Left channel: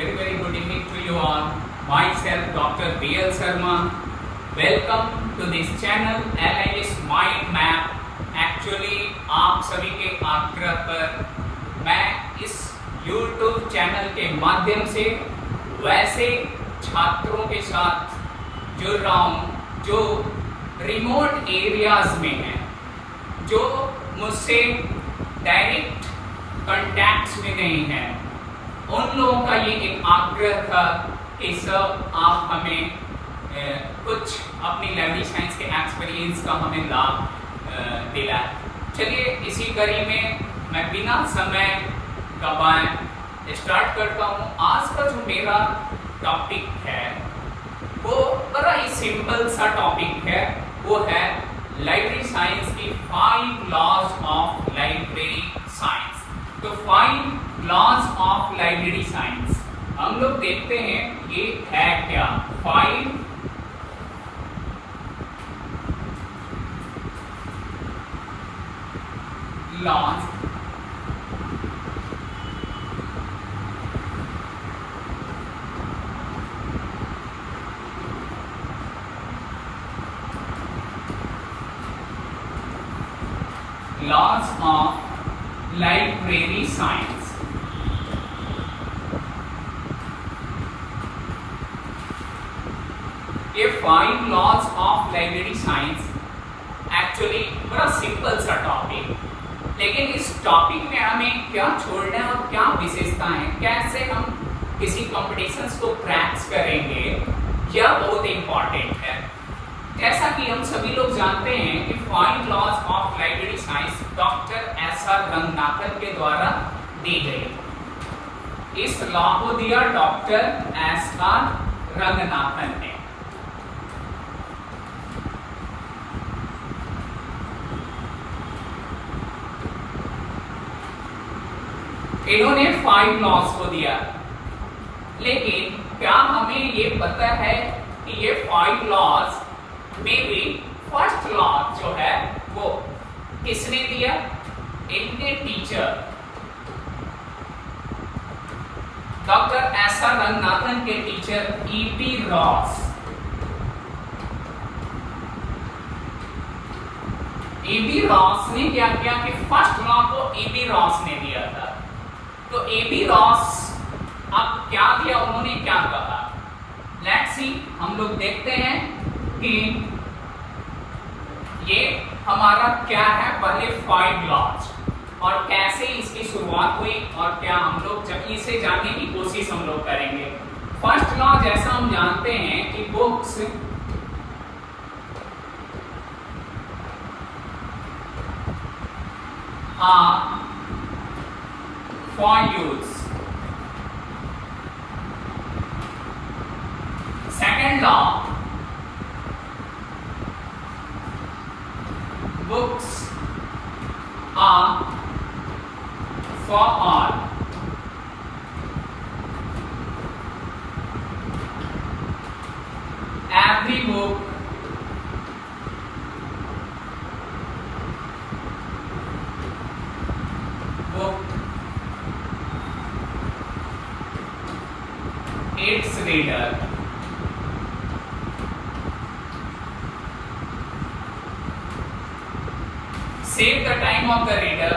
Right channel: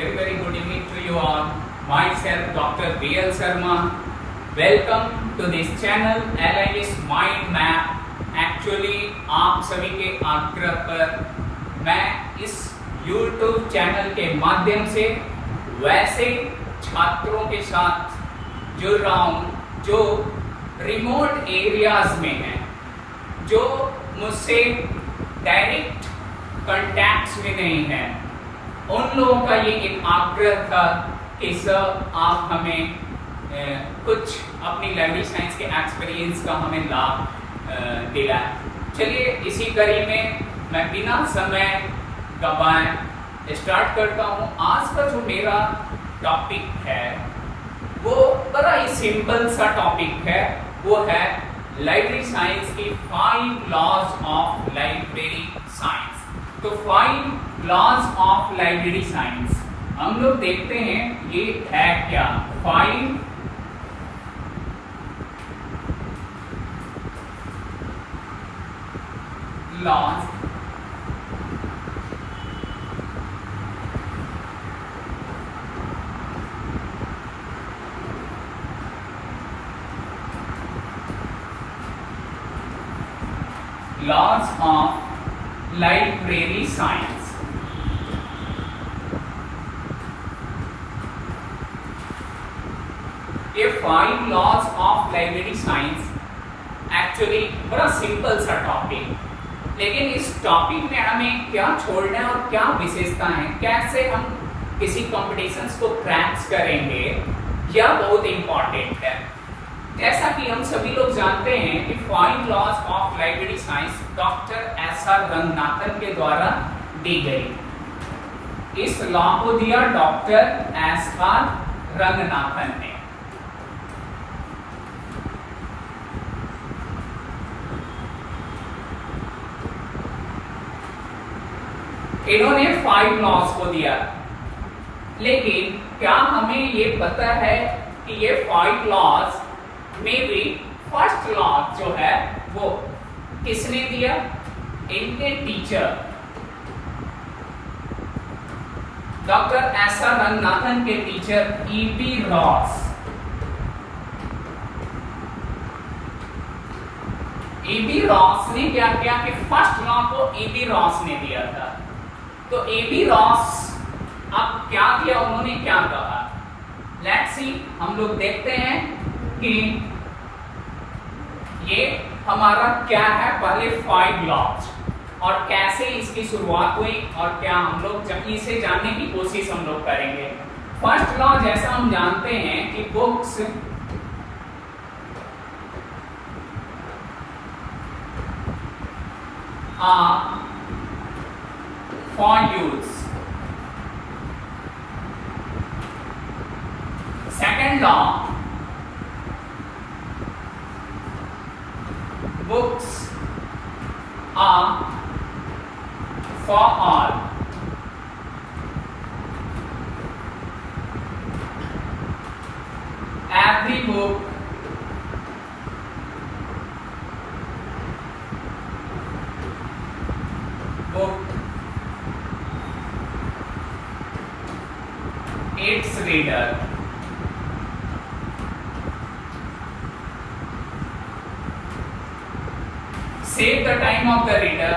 very good evening to you all. Myself, Dr. B.L. Sharma. Welcome to this channel, Allies Mind Map. Actually, आप सभी के आग्रह पर मैं इस YouTube चैनल के माध्यम से वैसे छात्रों के साथ जुड़ रहा हूँ जो रिमोट एरियाज में हैं, जो मुझसे डायरेक्ट कॉन्टैक्ट्स में नहीं हैं। उन लोगों का ये एक आग्रह था कि सर आप हमें कुछ अपनी लैंग्वेज साइंस के एक्सपीरियंस का हमें लाभ दिला। चलिए इसी कड़ी में मैं बिना समय गवाए स्टार्ट करता हूँ। आज का जो मेरा टॉपिक है वो बड़ा ही सिंपल सा टॉपिक है, वो है लाइब्रेरी साइंस की 5 लॉज ऑफ लाइब्रेरी साइंस। तो 5 लॉज ऑफ लाइब्रेरी साइंस हम लोग देखते हैं ये है क्या। 5 laws laws of library science. ये 5 laws of library science actually बड़ा सिंपल सा टॉपिक, लेकिन इस टॉपिक में हमें क्या छोड़ना है और क्या विशेषताएं, कैसे हम किसी कॉम्पिटिशन्स को क्रैक करेंगे, यह बहुत इंपॉर्टेंट है। जैसा कि हम सभी लोग जानते हैं कि 5 laws of library science doctor S R. Ranganathan के द्वारा दी गई। इस लॉ को दिया डॉक्टर एस.आर. रंगनाथन ने। इन्होंने 5 लॉज को दिया, लेकिन क्या हमें ये पता है कि ये 5 लॉज में भी फर्स्ट लॉ जो है वो किसने दिया? इनके टीचर डॉक्टर एस.आर. रंगनाथन के teacher E P. Ross. E P. Ross ने क्या किया कि फर्स्ट लॉ को ई.पी. रॉस ने दिया था। तो ई.पी. रॉस अब क्या किया, उन्होंने क्या कहा, लेट्स सी। हम लोग देखते हैं कि ये हमारा क्या है, पहले 5 लॉज और कैसे इसकी शुरुआत हुई और क्या हम लोग इसे जानने की कोशिश हम लोग करेंगे। फर्स्ट लॉ जैसा हम जानते हैं कि books are for use. Second law, books are for all. Every book its reader. Save the time of the reader.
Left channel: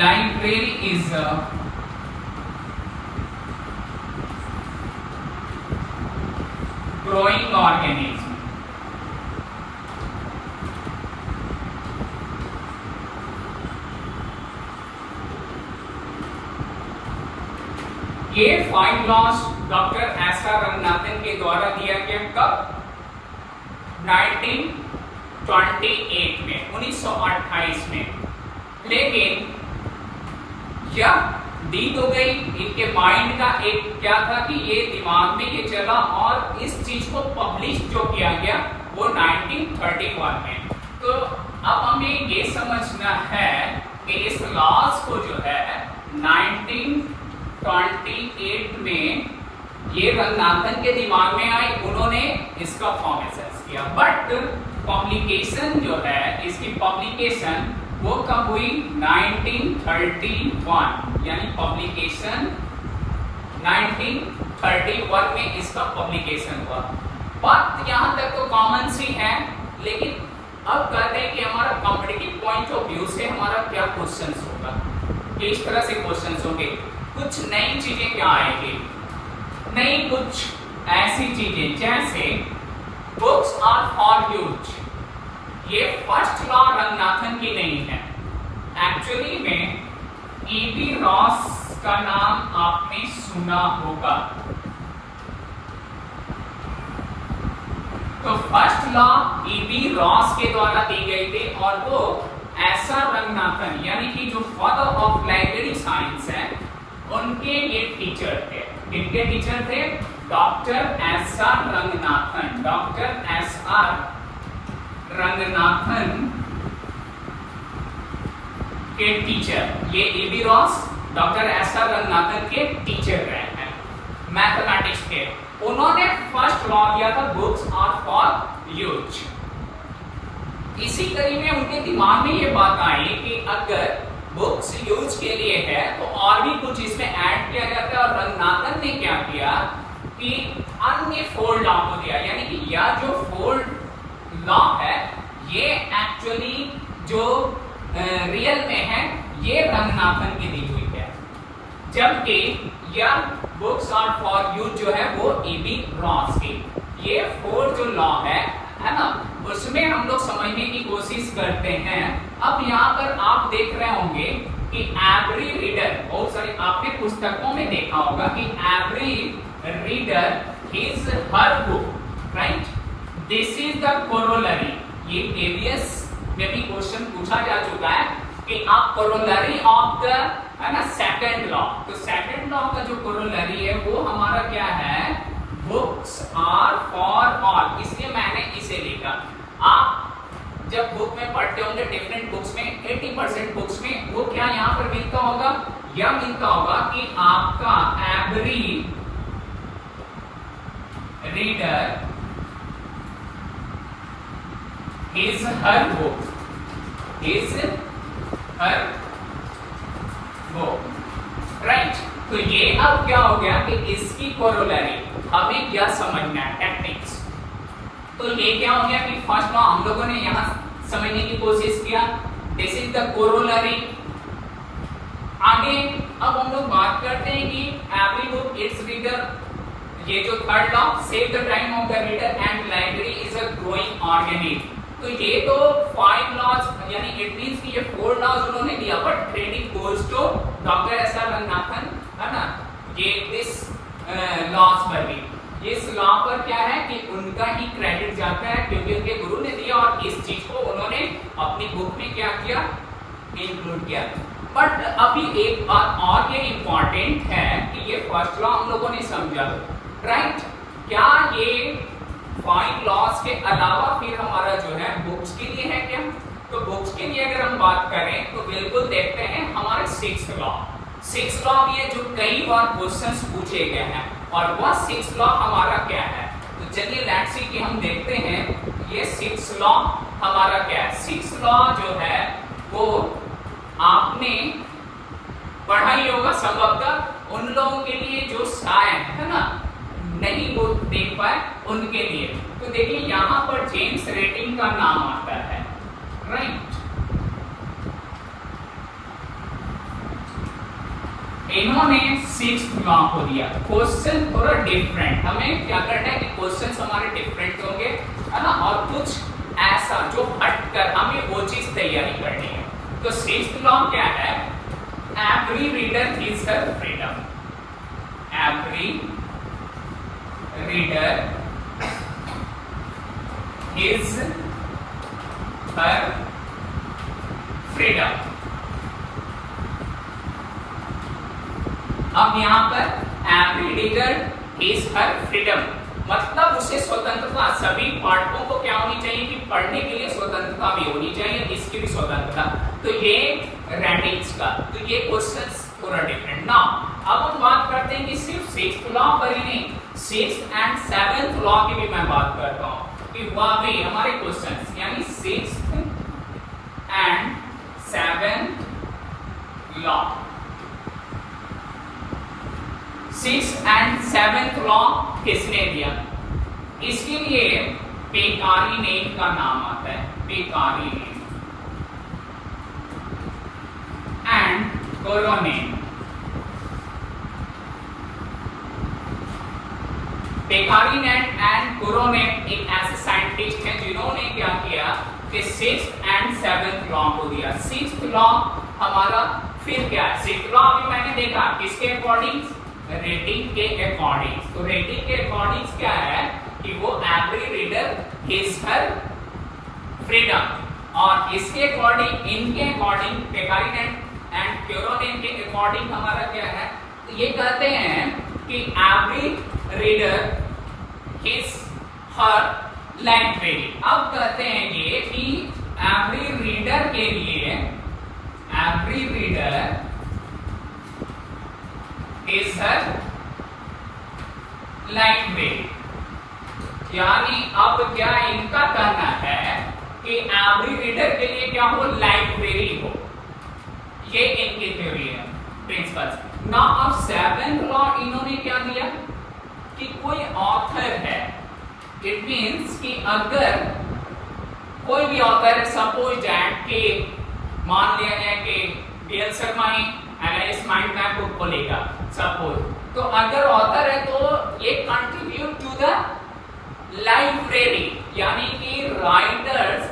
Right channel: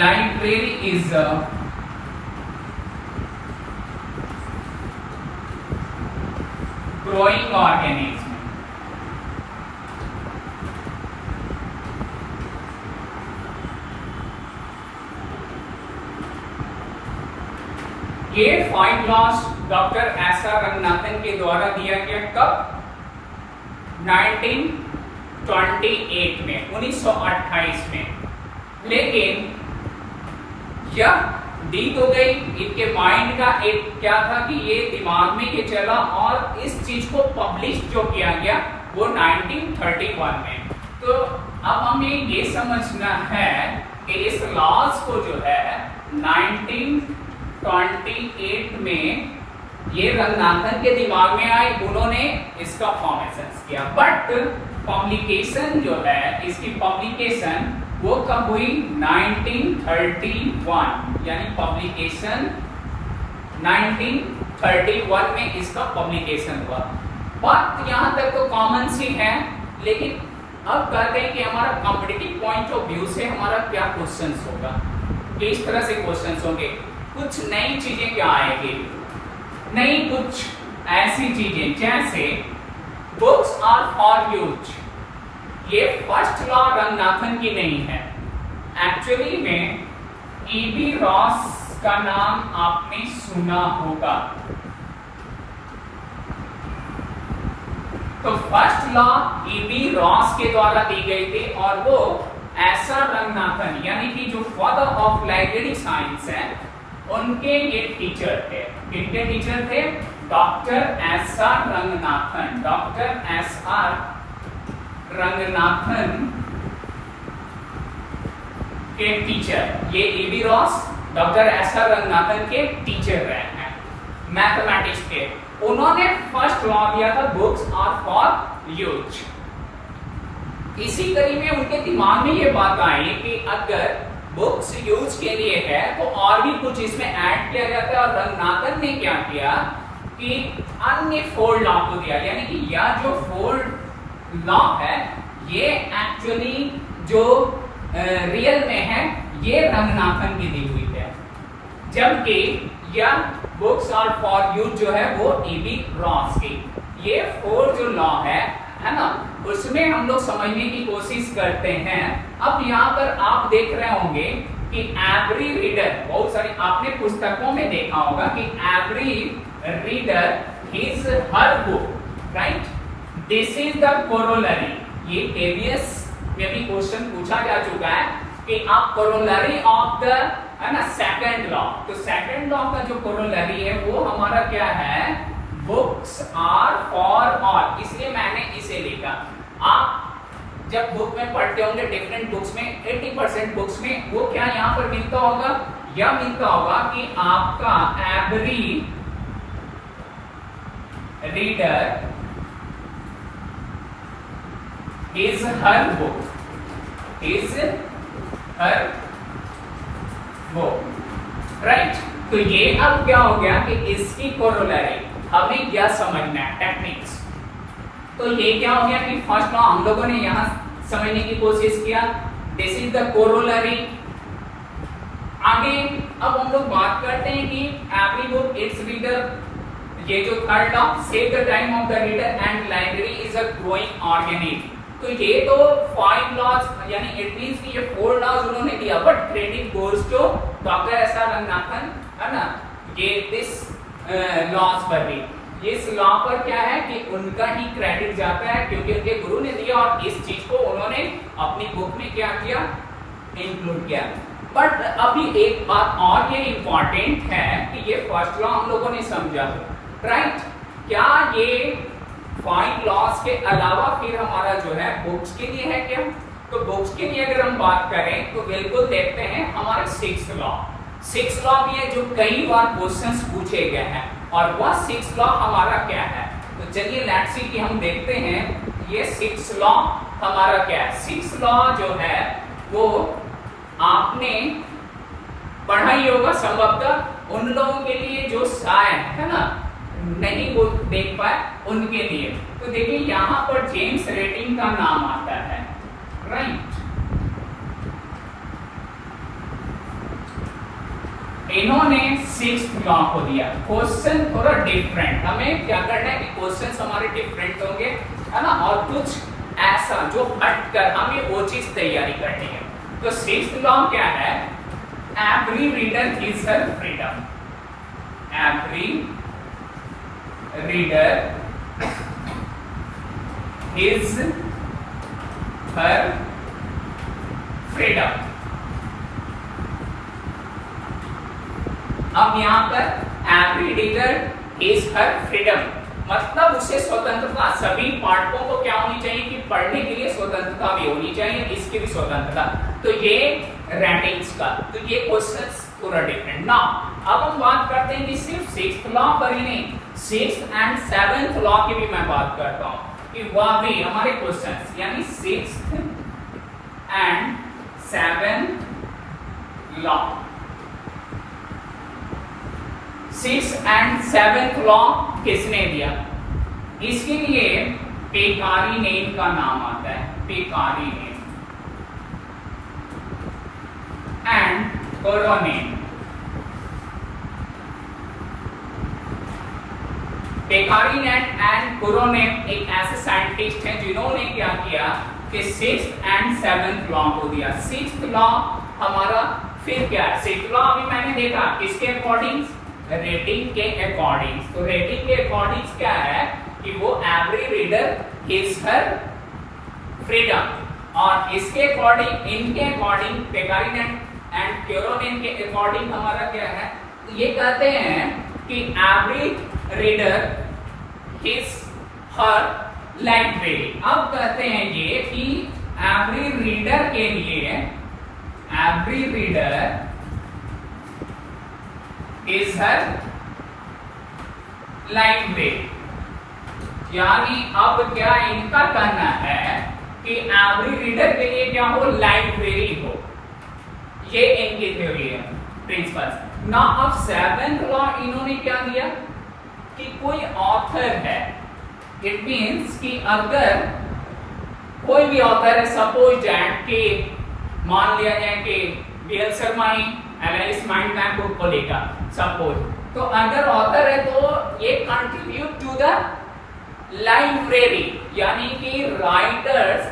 Library is a growing organism. ये 5 लॉज डॉक्टर एस.आर. रंगनाथन के द्वारा दिया गया कब? 1928 में, 1928 में। लेकिन क्या दी तो गई, इनके माइंड का एक क्या था कि ये दिमाग में ये चला और इस चीज को पब्लिश जो किया गया वो 1931 में। तो अब हमें ये समझना है कि इस लॉज को जो है 1928 में ये रंगनाथन के दिमाग में आई, उन्होंने इसका फॉर्मेशन किया। बट पब्लिकेशन जो है, इसकी पब्लिकेशन वो कब हुई? 1931, यानी पब्लिकेशन 1931 में इसका पब्लिकेशन हुआ। बात यहाँ तक तो कॉमन सी है, लेकिन अब कहते हैं कि हमारा कॉम्पिटिटिव पॉइंट ऑफ व्यू से हमारा क्या क्वेश्चन होगा, किस तरह से क्वेश्चन होंगे। कुछ नई चीजें क्या आएगी, नई कुछ ऐसी चीजें जैसे बुक्स आर फॉर यूज। ये फर्स्ट लॉ रंगनाथन की नहीं है, एक्चुअली में ईबी रॉस का नाम आपने सुना होगा। तो फर्स्ट लॉ ईबी रॉस के द्वारा दी गई थी, और वो ऐसा रंगनाथन यानी कि जो फादर ऑफ लाइब्रेरी साइंस है, उनके ये टीचर थे। इनके टीचर थे doctor S R Ranganathan. Doctor S R Ranganathan के टीचर, ये EB Ross doctor S R Ranganathan के टीचर रहे हैं मैथमेटिक्स के। उन्होंने फर्स्ट लॉ दिया था बुक्स आर फॉर यूज। इसी कड़ी में उनके दिमाग में ये बात आई कि अगर बुक्स यूज के लिए है तो और भी कुछ इसमें ऐड किया जाता है। और रंगनाथन ने क्या किया कि अन्य फोर लॉ को दिया, यानी कि यह जो फोर लॉ है ये एक्चुअली जो रियल में है ये रंगनाथन की दी हुई है, जबकि यह बुक्स आर फॉर यूज जो है वो ईबी रॉस की। ये फोर जो लॉ है ना, उसमें हम लोग समझने की कोशिश करते हैं। अब यहाँ पर आप देख रहे होंगे कि एवरी रीडर, बहुत सारी आपने पुस्तकों में देखा होगा कि every reader is her book, right? This is the corollary. ये प्रीवियस में भी क्वेश्चन पूछा जा चुका है कि आप कोरोलरी ऑफ द, है ना, सेकंड लॉ। तो सेकंड लॉ का जो कोरोलरी है वो हमारा क्या है? Books are for all. इसलिए मैंने इसे लिखा। आप जब बुक में पढ़ते होंगे डिफरेंट बुक्स में, 80% बुक्स में वो क्या यहाँ पर मिलता होगा? यह मिलता होगा कि आपका every reader is her book, is her book, right? तो ये अब क्या हो गया कि इसकी कोरोलरी अभी क्या समझना है, टेक्निक्स। तो ये क्या हो गया कि फर्स्ट लॉ हम लोगों ने यहां समझने की कोशिश किया, दिस इज द कोरोलरी। आगे अब हम लोग बात करते हैं कि एवरी बुक इट्स रीडर, ये जो third law, save the time of the reader and library is a growing organism. तो ये तो 5 लॉज, यानी इट मींस कि ये 4 लॉज उन्होंने दिया, but credit goes to doctor S R Ranganathan, है ना? ये दिस लॉज पर भी, इस लॉ पर क्या है कि उनका ही क्रेडिट जाता है, क्योंकि उनके गुरु ने दिया और इस चीज को उन्होंने अपनी बुक में क्या किया? इंक्लूड किया। बट अभी एक बात और ये इंपॉर्टेंट है कि ये फर्स्ट लॉ हम लोगों ने समझा, राइट? क्या ये 5 लॉज के अलावा फिर हमारा जो है बुक्स के लिए है क्या? तो बुक्स के लिए अगर हम बात करें तो बिल्कुल देखते हैं हमारे 6th लॉ। 6th लॉ भी है जो कई बार क्वेश्चंस पूछे गए हैं, और वह 6th लॉ हमारा क्या है? तो चलिए लेट्स सी कि हम देखते हैं ये 6th लॉ हमारा क्या है। 6th लॉ जो है वो आपने पढ़ा ही होगा संभवतः, उन लोगों के लिए जो शायद, है ना, नहीं वो देख पाए उनके लिए। तो देखिए यहाँ पर जेम्स रेटिंग का नाम आता है, राइट? इन्होंने 6th लॉ को दिया। क्वेश्चन थोड़ा डिफरेंट, हमें क्या करना है कि क्वेश्चन हमारे डिफरेंट होंगे, है ना, और कुछ ऐसा जो हटकर हमें वो चीज तैयारी करनी है। तो 6th लॉ क्या है? Every reader is her freedom. Every reader is her freedom. अब यहाँ पर every reader is her freedom मतलब उसे स्वतंत्रता, सभी पाठकों को क्या होनी चाहिए कि पढ़ने के लिए स्वतंत्रता भी होनी चाहिए, इसकी भी स्वतंत्रता। तो ये रेटिंग्स का, तो ये क्वेश्चंस थोड़ा डिफरेंट ना। अब हम बात करते हैं कि सिर्फ 6th लॉ पर ही नहीं, 6th एंड 7th लॉ की भी मैं बात करता हूं कि वह भी हमारे क्वेश्चंस, यानी 6th and 7th law, 6th and 7th law किसने दिया? इसके लिए पेकारी नेम का नाम आता है, पेकारी नेम एंड कोरोनेम। पेकारी नेम एंड कोरोनेम एक ऐसे साइंटिस्ट हैं जिन्होंने क्या किया कि 6th एंड 7th लॉ को दिया। 6th लॉ हमारा फिर क्या है? 6th लॉ अभी मैंने देखा किसके अकॉर्डिंग? रेटिंग के अकॉर्डिंग। तो रेटिंग के अकॉर्डिंग क्या है कि वो every reader is her freedom, और इसके अकॉर्डिंग, इनके अकॉर्डिंग, पेकारी एंड क्यूरोनेम के अकॉर्डिंग हमारा क्या है? ये कहते हैं कि every reader is her library. अब कहते हैं ये कि एवरी रीडर के लिए, every reader is her library, यानी अब क्या इनका कहना है कि एवरी रीडर के लिए क्या हो? लाइब्रेरी हो। ये इनकी थ्योरी है, प्रिंसिपल्स। ना अब 7th लॉ इन्होंने क्या दिया कि कोई ऑथर है, इट मींस कि अगर कोई भी ऑथर है, सपोज दैट कि मान लिया जाए कि बीएल शर्मा ही एनालिसिस माइंड मैप बुक को लेगा सपोज, तो अगर ऑथर है तो ये कंट्रीब्यूट टू द लाइब्रेरी, यानी कि राइटर्स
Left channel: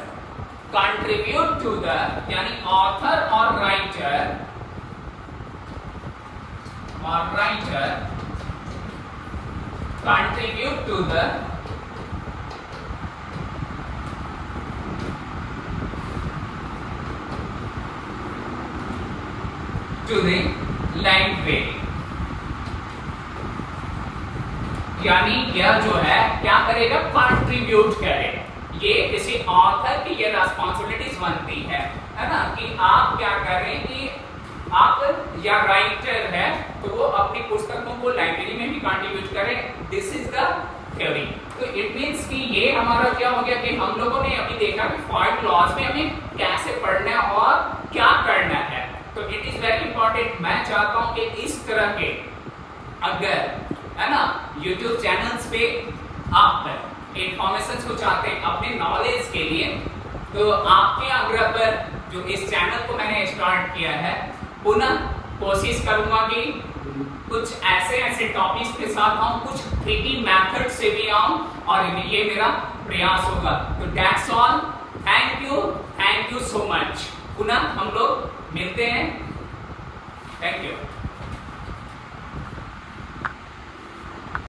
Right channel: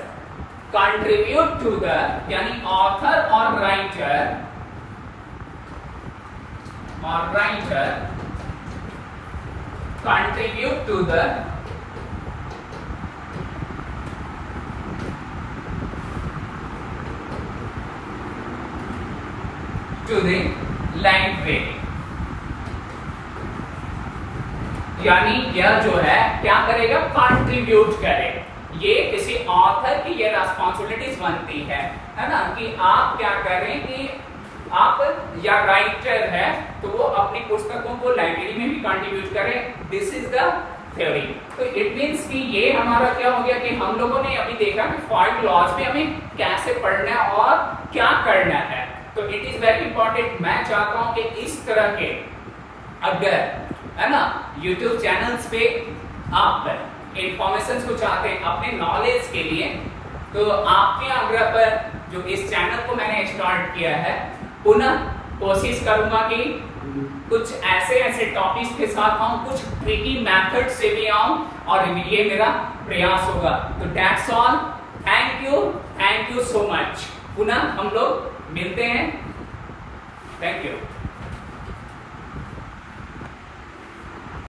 कंट्रीब्यूट टू द, यानी ऑथर और writer contribute to the library, यानी यह जो है क्या करेगा? कंट्रीब्यूट करेगा। ये किसी ऑथर की ये रिस्पॉन्सिबिलिटीज बनती है ना, कि आप क्या कर रहे हैं कि आप या राइटर है तो वो अपनी पुस्तकों को लाइब्रेरी में भी कंट्रीब्यूट करें। This is the theory. तो इट मींस कि ये हमारा क्या हो गया कि हम लोगों ने अभी देखा कि 5 लॉज में हमें कैसे पढ़ना है और क्या करना है। तो इट इज वेरी इंपॉर्टेंट। मैं चाहता हूं कि इस तरह के अगर है ना यूट्यूब चैनल्स पे आप इंफॉर्मेशन को चाहते हैं अपने नॉलेज के लिए, तो आपके आग्रह पर जो इस चैनल को मैंने स्टार्ट किया है, पुनः कोशिश करूंगा कि कुछ ऐसे टॉपिक्स के साथ आऊं, कुछ ट्रिकी मेथड से भी आऊं, और ये मेरा प्रयास होगा। तो that's all. Thank you so much. पुनः हम लोग मिलते हैं। Thank you.